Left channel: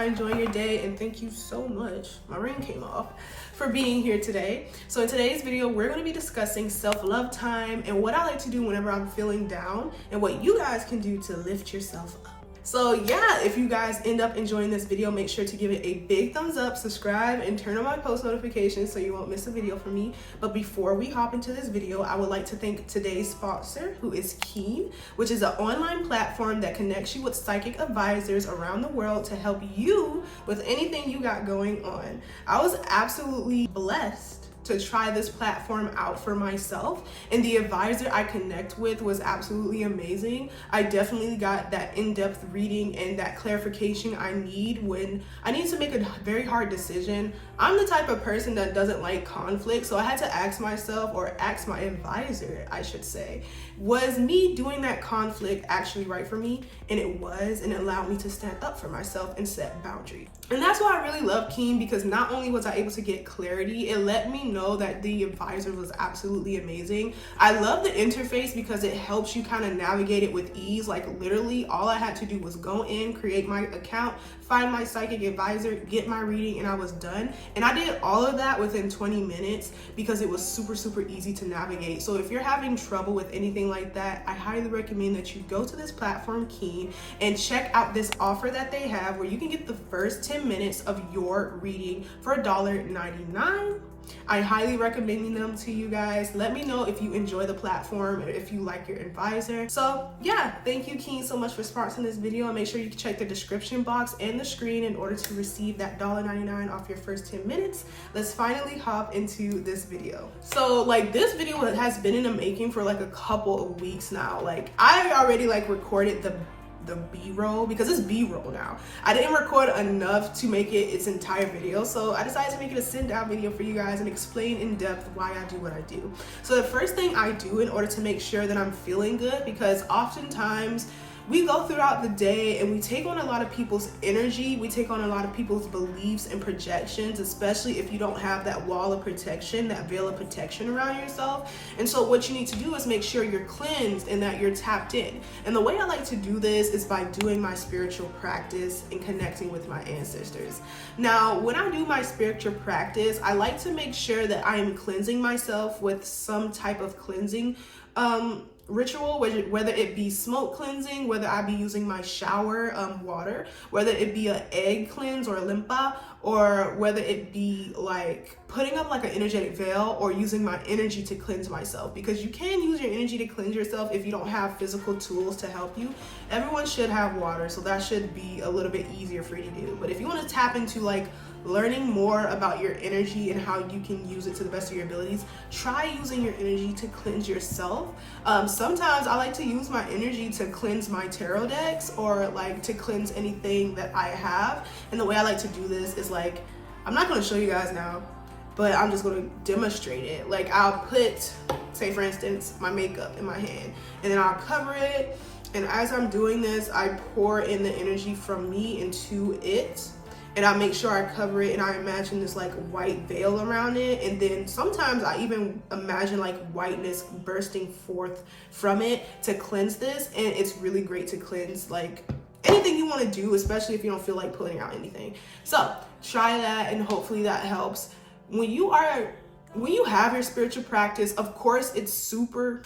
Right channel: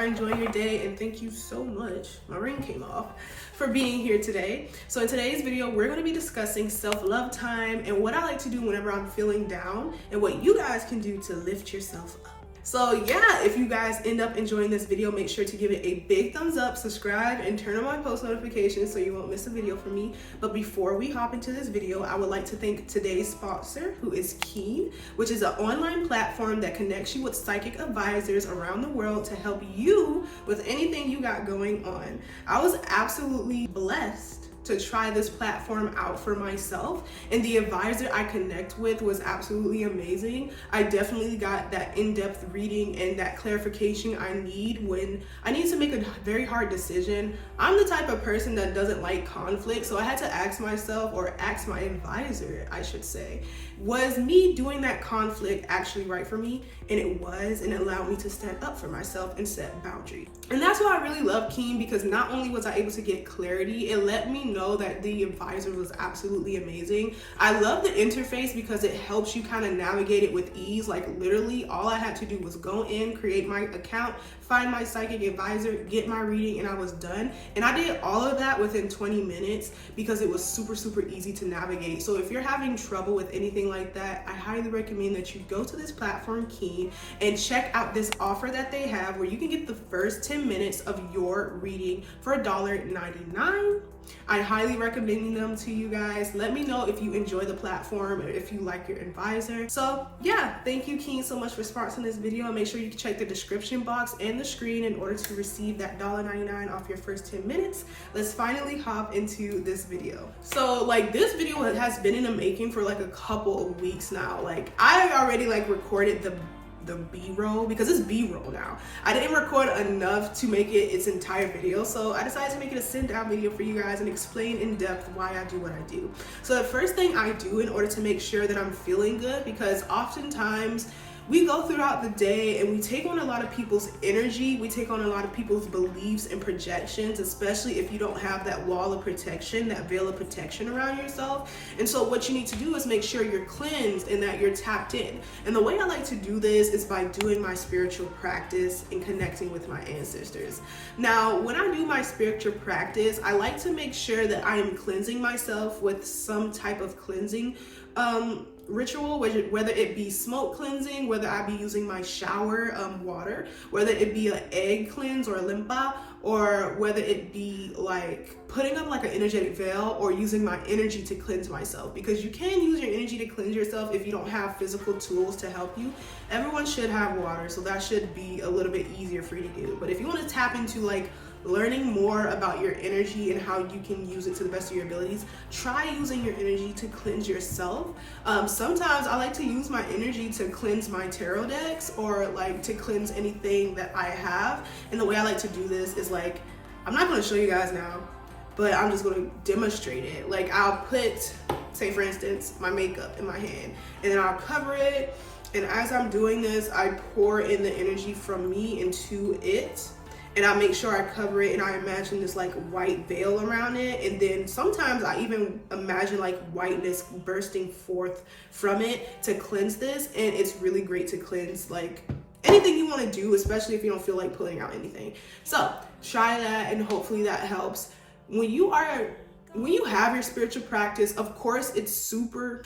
are enjoying your day, and thank you so much, my ring came off, for being here today. So in today's video, we're going to be discussing self-love time and what I like to do whenever I'm feeling down and what you guys can do to lift yourself up. So yeah, if you guys end up enjoying this video, make sure to give it a big thumbs up, subscribe, and turn on my post notifications so you won't miss a video from me. But before we hop into this video, I would like to thank today's sponsor, who is Keen, which is an online platform that connects you with psychic advisors around the world to help you with anything you got going on. I was absolutely blessed to try this platform out for myself, and the advisor I connect with was absolutely amazing. I definitely got that in-depth reading and that clarification I need when I need to make a very hard decision. I'm the type of person that doesn't like conflict, so I had to ask myself, or ask my advisor, I should say, was me doing that conflict actually right for me? And it was, and it allowed me to stand up for myself and set boundaries. And that's why I really love Keen, because not only was I able to get clarity, it let me know that the advisor was absolutely amazing. I love the interface because it helps you kind of navigate it with ease. Like literally all I had to do was go in, create my account, find my psychic advisor, get my reading, and I was done. And I did all of that within 20 minutes because it was super easy to navigate. So if you're having trouble with anything like that, I highly recommend that you go to this platform, Keen, and check out this offer that they have where you can get the first 10 minutes of your reading for $1.99. I highly recommend them to you guys. Let me know if you enjoy the platform and if you like your advisor. So yeah, thank you Keen so much for sponsoring this video, and make sure you check the description box and the screen in order to receive that $1.99 off your first 10 minutes. Let's finally hop into this video. So like this video has been in the making for like a couple of weeks now. Like I already like recorded the B-roll, because it's B-roll now. I didn't record enough to make it its entire video, so I decided to make it a sit down video for you guys and explain in depth why I do what I do. So the first thing I do in order to make sure that I'm feeling good, because oftentimes we go throughout the day and we take on a lot of people's energy, we take on a lot of people's beliefs and projections, especially if you don't have that wall of protection, that veil of protection around yourself. And so what you need to do is make sure you're cleansed and that you're tapped in. And the way I like to do this is by doing my spiritual practice and connecting with my ancestors. Now, when I do my spiritual practice, I like to make sure that I am cleansing myself with some type of cleansing ritual, whether it be smoke cleansing, whether I be using my shower water, whether it be an egg cleanse or a limpa, or whether it be like putting up like an energetic veil or using my energy to cleanse myself, because you can use your energy to cleanse yourself if you don't have physical tools to help you. Everyone should have water, so that should be a little bit easier for you to do. But if you want to tap into like learning more about your energy and how you can use it to the best of your abilities, try using your energy to cleanse yourself. Sometimes I like to use my energy to cleanse my tarot decks, or like to cleanse anything that I have. And the way I like to do this is like, I'm not going to show you guys now, but I'm just going to demonstrate it. Like I'll put, say for instance, my makeup in my hand, and then I'll cover it. And as I'm doing this, I pour in the energy from me into it. And I make sure I cover it, and I imagine this like white veil around it. And then sometimes I even imagine like whiteness bursting forth from it to cleanse this. And it's really great to cleanse like anything you want to do, especially if you don't feel like pulling out anything. So try that, and hopefully that helps. When you have your spiritual practice, of course it's super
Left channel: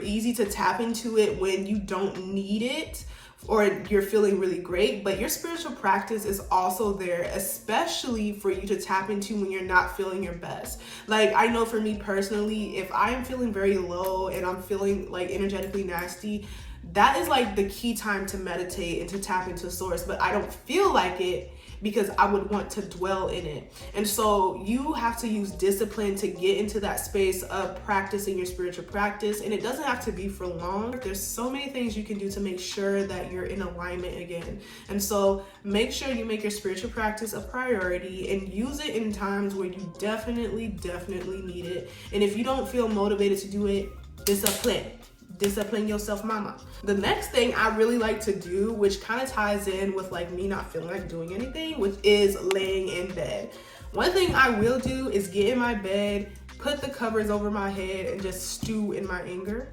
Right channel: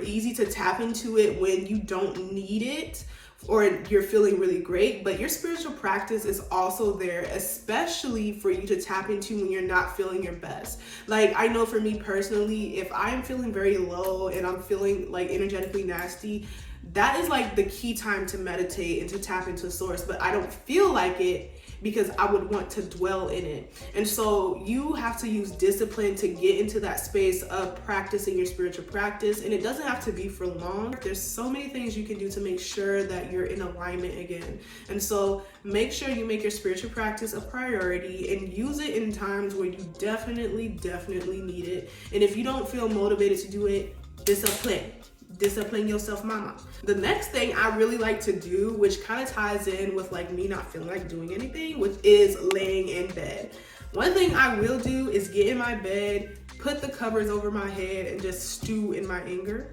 easy to tap into it when you don't need it, or you're feeling really great. But your spiritual practice is also there, especially for you to tap into when you're not feeling your best. Like I know for me personally, if I am feeling very low and I'm feeling like energetically nasty, that is like the key time to meditate and to tap into source. But I don't feel like it because I would want to dwell in it. And so you have to use discipline to get into that space of practicing your spiritual practice. And it doesn't have to be for long. There's so many things you can do to make sure that you're in alignment again. And so make sure you make your spiritual practice a priority and use it in times where you definitely need it. And if you don't feel motivated to do it, discipline yourself, mama. The next thing I really like to do, which kind of ties in with like me not feeling like doing anything, which is laying in bed. One thing I will do is get in my bed, put the covers over my head, and just stew in my anger,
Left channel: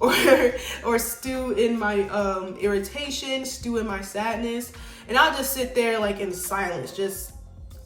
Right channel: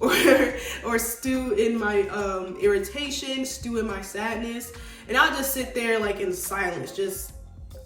or stew in my irritation, stew in my sadness. and I'll just sit there like in silence, just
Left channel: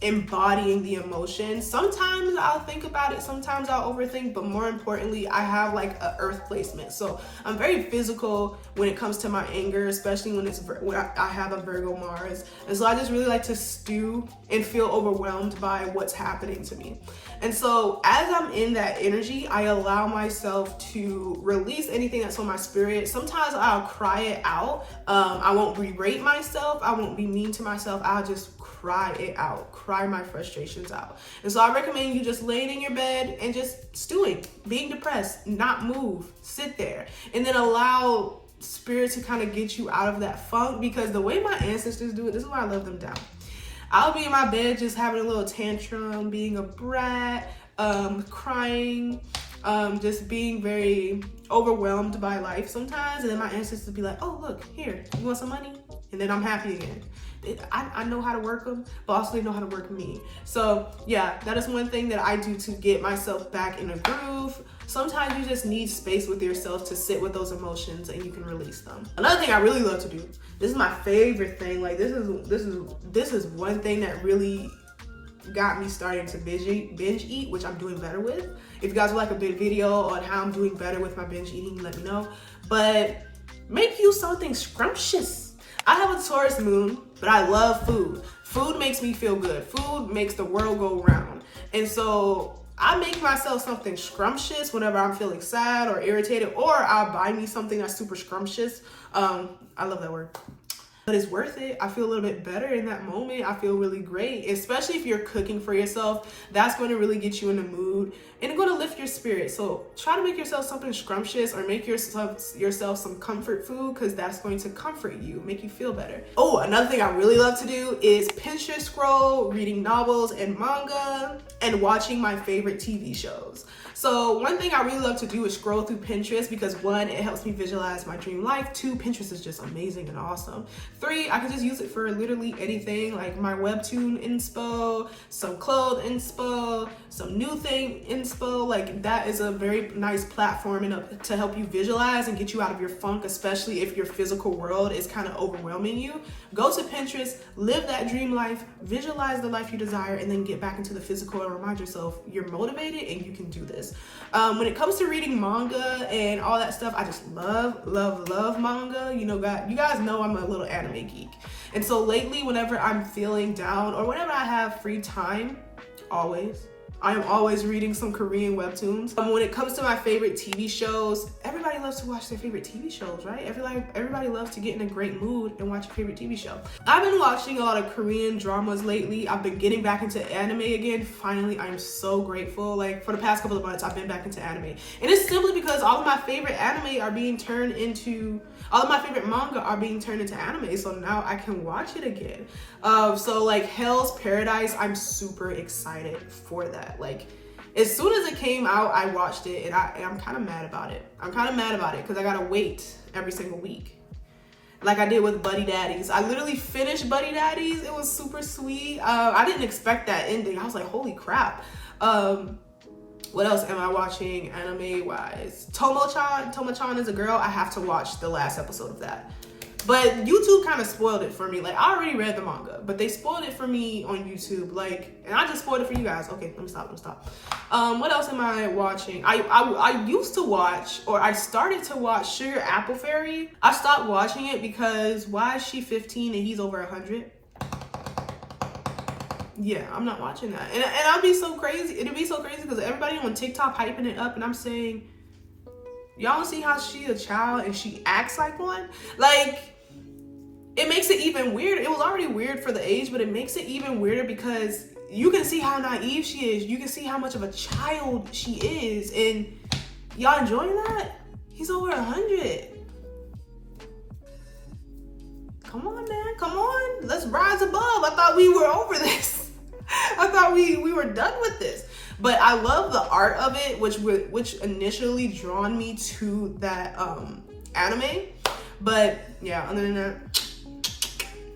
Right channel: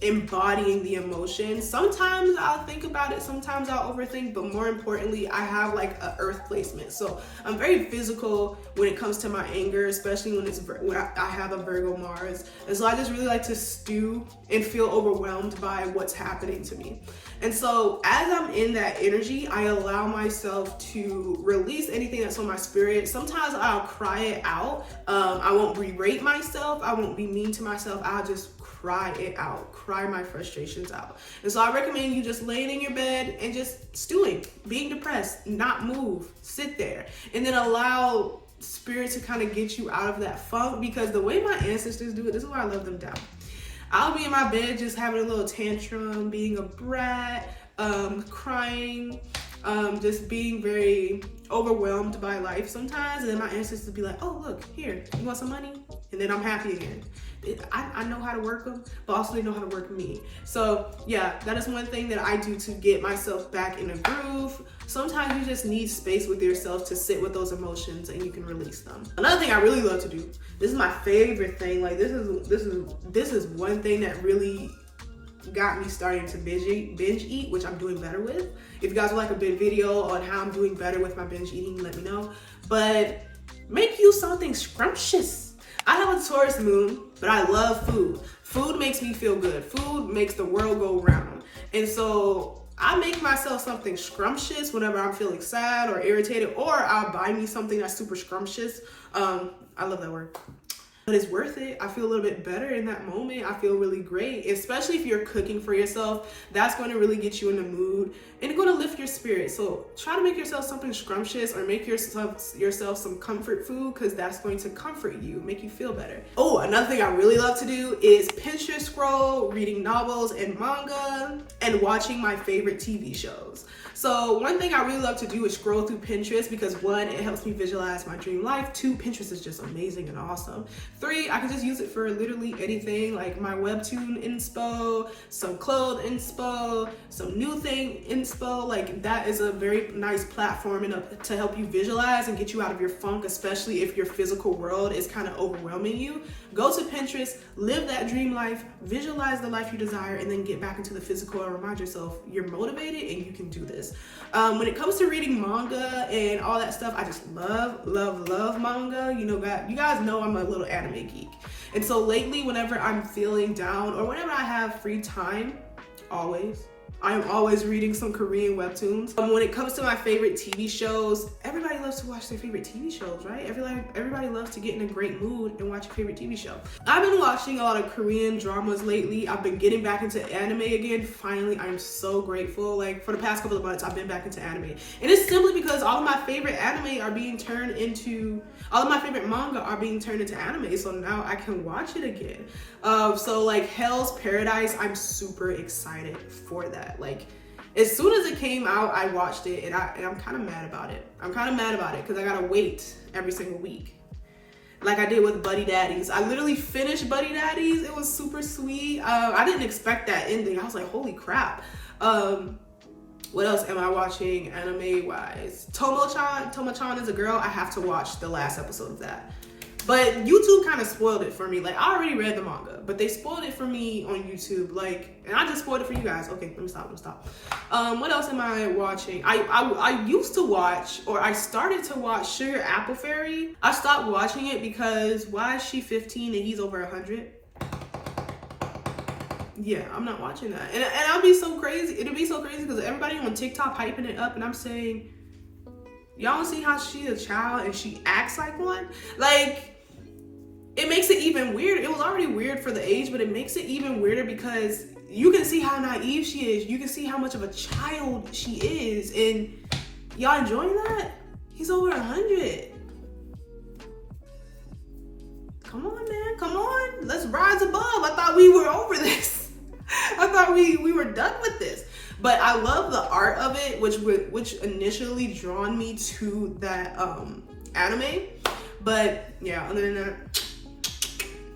embodying the emotion. Sometimes I'll think about it, sometimes I'll overthink, but more importantly, I have like a earth placement. So I'm very physical when it comes to my anger, especially when I have a Virgo Mars. And so I just really like to stew and feel overwhelmed by what's happening to me. And so as I'm in that energy, I allow myself to release anything that's on my spirit. Sometimes I'll cry it out. I won't berate myself. I won't be mean to myself. I'll just cry it out, cry my frustrations out. And so I recommend you just laying in your bed and just stewing, being depressed, not move, sit there, and then allow spirit to kind of get you out of that funk, because the way my ancestors do it, this is why I love them down. I'll be in my bed just having a little tantrum, being a brat, crying, just being very overwhelmed by life sometimes. And then my ancestors be like, oh, look, here, you want some money? And then I'm happy again. I know how to work them, but also they know how to work me. So yeah, that is one thing that I do to get myself back in a groove. Sometimes you just need space with yourself to sit with those emotions and you can release them. Another thing I really love to do, this is my favorite thing. Like this is one thing that really got me starting to binge eat, which I'm doing better with. If you guys would like a big video on how I'm doing better with my binge eating, let me know. But make you something scrumptious. I have a Taurus moon, but I love food. Food makes me feel good. Food makes the world go round. And so I make myself something scrumptious whenever I'm feeling sad or irritated, or I'll buy me something that's super scrumptious. I love that word. But it's worth it. I feel a little bit better in that moment. I feel really great, especially if you're cooking for yourself. That's going to really get you in the mood and going to lift your spirit. So try to make yourself something scrumptious, or make yourself some comfort food, because that's going to comfort you, make you feel better. Oh, another thing I really love to do is Pinterest scroll, reading novels and manga, and watching my favorite TV shows. So one thing I really love to do is scroll through Pinterest, because one, it helps me visualize my dream life. Two, Pinterest is just amazing and awesome. Three, I can just use it for literally anything, like my webtoon inspo, some clothes inspo, some new thing inspo. Like that is a very nice platform to help you visualize and get you out of your funk, especially if your physical world is kind of overwhelming you. Go to Pinterest, live that dream life, visualize the life you desire, and then get back into the physical and remind yourself you're motivated and you can do this. When it comes to reading manga and all that stuff, I just love manga. You guys know I'm a little anime geek. And so lately, whenever I'm feeling down or whenever I have free time, I am always reading some Korean webtoons. When it comes to my favorite TV shows, everybody loves to watch their favorite TV shows, right? Everybody loves to get in a great mood and watch a favorite TV show. I've been watching a lot of Korean dramas lately. I've been getting back into anime again. Finally, I am so grateful. Like for the past couple of months, I've been back into anime. And it's simply because all of my favorite manga are being turned into anime. So now I can watch it again. So like Hell's Paradise, I'm super excited for that. Like as soon as it came out, I watched it, and I'm kind of mad about it. Because I gotta wait every single week, like I did with Buddy Daddies. I literally finished Buddy Daddies. It was super sweet. I didn't expect that ending. I was like, holy crap. What else am I watching anime wise? Tomo-chan is a girl. I have to watch the last episode of that. But YouTube kind of spoiled it for me. Like I already read the manga, but they spoiled it for me on YouTube. Like, and I just spoiled it for you guys. Okay, let me stop. What else am I watching? I used to watch, or I started to watch Sugar Apple Fairy. I stopped watching it because why is she 15 and he's over 100? Yeah, I'm not watching that. And I'll be so crazy. It'll be so crazy because everybody on TikTok hyping it up, and I'm saying, y'all don't see how she's a child and she acts like one? Like, it makes it even weird. It was already weird for the age, but it makes it even weirder because you can see how naive she is. You can see how much of a child she is. And y'all enjoying that? He's over 100. Come on, man. Come on. Let's rise above. I thought we were over this. I thought we were done with this. But I love the art of it, which initially drawn me to that anime. But yeah, other than that,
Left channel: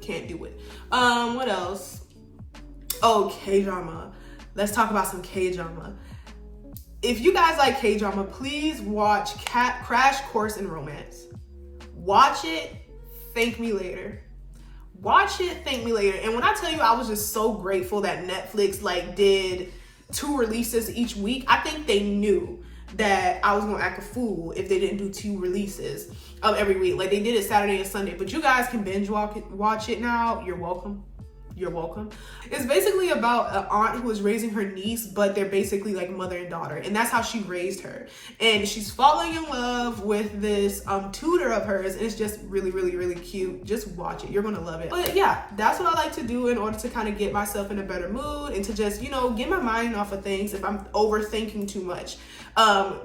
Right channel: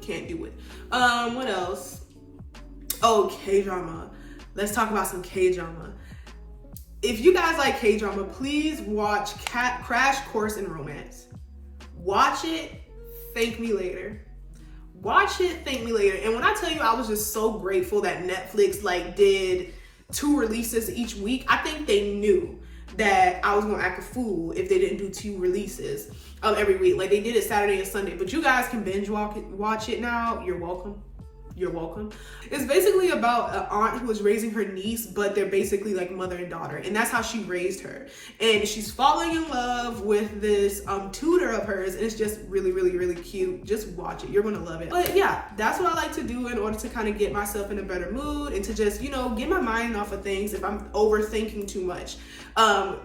can't do it. What else? Oh, K-drama. Let's talk about some K-drama. If you guys like K-drama, please watch Crash Course in Romance. Watch it, thank me later. Watch it, thank me later. And when I tell you, I was just so grateful that Netflix like did 2 releases each week. I think they knew that I was gonna act a fool if they didn't do 2 releases every week. Like they did it Saturday and Sunday, but you guys can binge watch it now. You're welcome. You're welcome. It's basically about an aunt who is raising her niece, but they're basically like mother and daughter, and that's how she raised her. And she's falling in love with this tutor of hers, and it's just really, really, really cute. Just watch it. You're gonna love it. But yeah, that's what I like to do in order to kind of get myself in a better mood and to just, you know, get my mind off of things if I'm overthinking too much.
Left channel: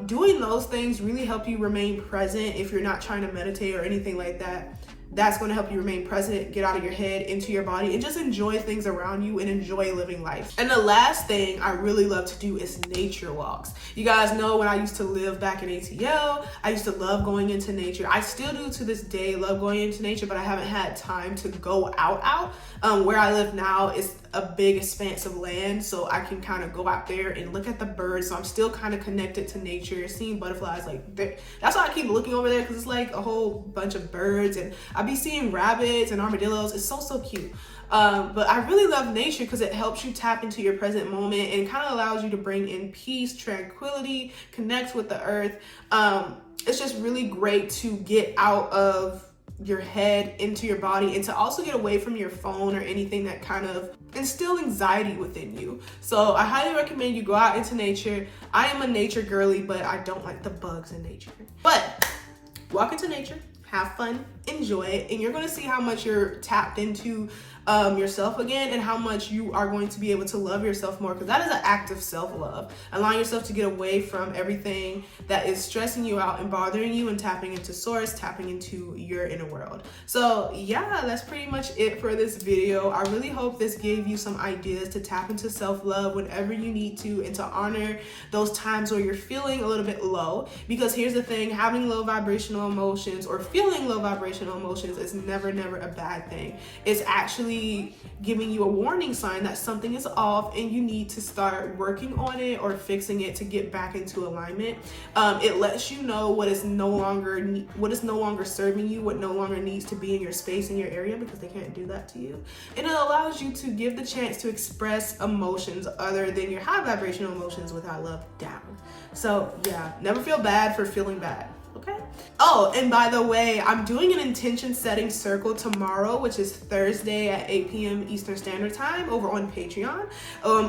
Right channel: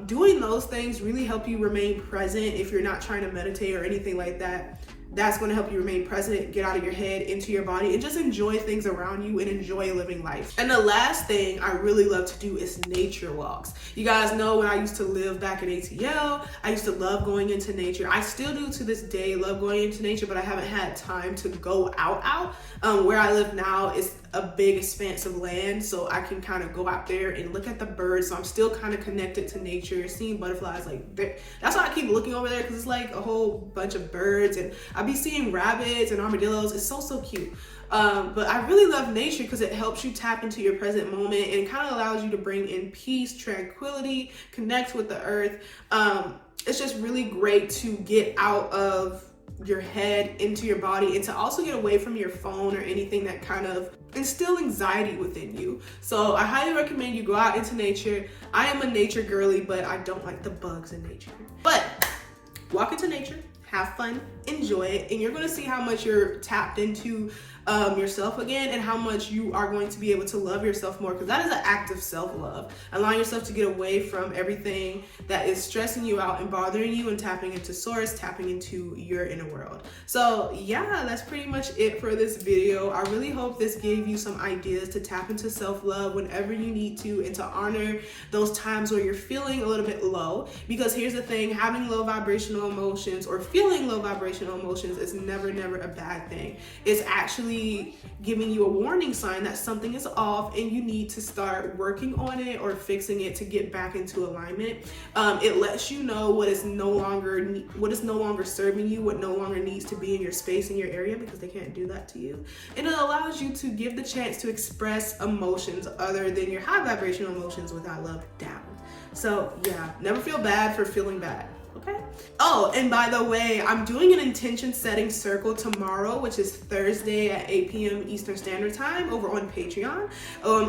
Doing those things really help you remain present if you're not trying to meditate or anything like that. That's going to help you remain present, get out of your head, into your body, and just enjoy things around you and enjoy living life. And the last thing I really love to do is nature walks. You guys know when I used to live back in ATL, I used to love going into nature. I still do to this day, love going into nature, but I haven't had time to go out. Where I live now is a big expanse of land, so I can kind of go out there and look at the birds. So I'm still kind of connected to nature, seeing butterflies. Like that's why I keep looking over there, because it's like a whole bunch of birds, and I be seeing rabbits and armadillos. It's so cute. But I really love nature because it helps you tap into your present moment, and it kind of allows you to bring in peace, tranquility, connect with the earth. It's just really great to get out of your head into your body, and to also get away from your phone or anything that kind of instill anxiety within you. So I highly recommend you go out into nature. I am a nature girly, but I don't like the bugs in nature. But walk into nature, have fun, enjoy it, and you're going to see how much you're tapped into yourself again, and how much you are going to be able to love yourself more, because that is an act of self-love, allowing yourself to get away from everything that is stressing you out and bothering you, and tapping into source, tapping into your inner world. So yeah, that's pretty much it for this video. I really hope this gave you some ideas to tap into self-love whenever you need to, and to honor those times where you're feeling a little bit low. Because here's the thing, having low vibrational emotions or feeling low vibrational emotions is never a bad thing. It's actually giving you a warning sign that something is off and you need to start working on it or fixing it to get back into alignment. It lets you know what is no longer serving you, what no longer needs to be in your space, in your area, because they can't do that to you. And it allows you to give the chance to express emotions other than your high vibrational emotions without love down. So yeah, never feel bad for feeling bad. Okay. Oh, and by the way, I'm doing an intention setting circle tomorrow, which is Thursday at 8 p.m. Eastern Standard Time over on Patreon.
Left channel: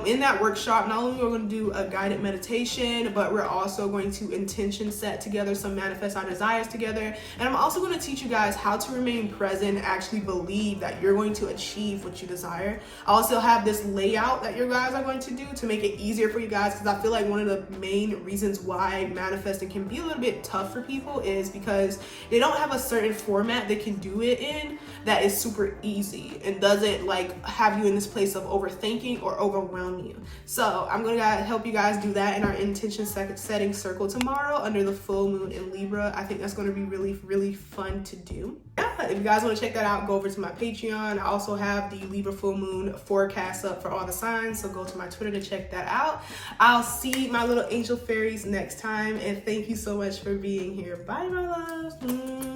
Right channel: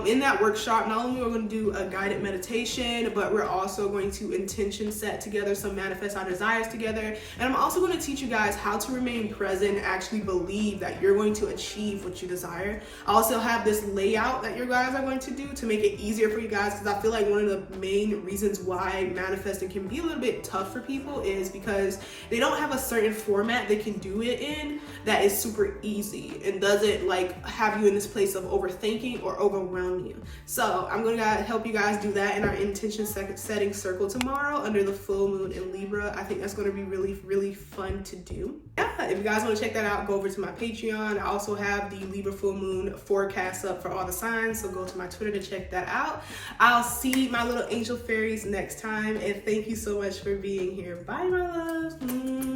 In that workshop, not only are we going to do a guided meditation, but we're also going to intention set together, some manifest our desires together. And I'm also going to teach you guys how to remain present and actually believe that you're going to achieve what you desire. I also have this layout that you guys are going to do to make it easier for you guys, because I feel like one of the main reasons why manifesting can be a little bit tough for people is because they don't have a certain format they can do it in that is super easy and doesn't like have you in this place of overthinking or overwhelm you. So I'm going to help you guys do that in our intention setting circle tomorrow under the full moon in Libra. I think that's going to be really fun to do. Yeah, if you guys want to check that out, go over to my Patreon. I also have the Libra full moon forecast up for all the signs, so go to my Twitter to check that out. I'll see my little angel fairies next time, and thank you so much for being here. Bye, my loves.